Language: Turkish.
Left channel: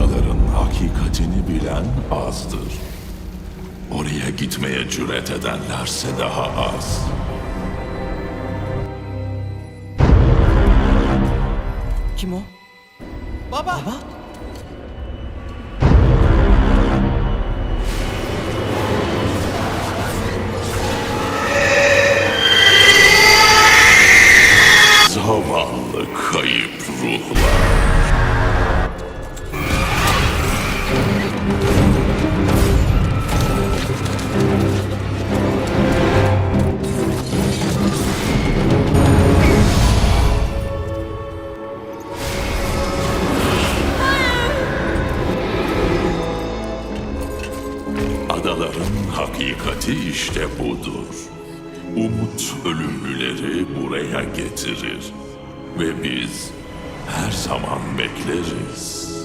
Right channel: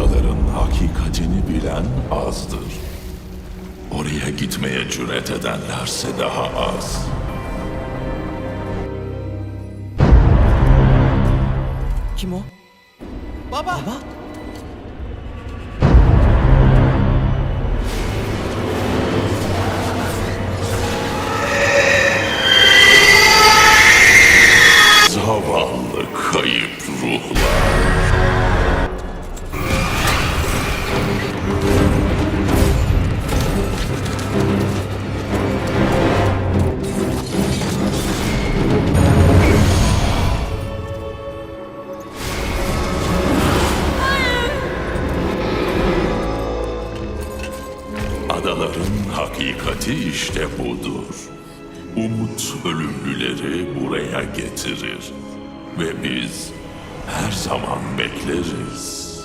adaların hakikatini bilen azdır. Oraya gitmeye cüret edenlerse daha az. Kim o? Baba. Baba? Zavallı kayıp ruhlar. Adaların hakikati işte budur. Umut ölümlüleri buraya getirir. Ve biz her zaman bekleriz.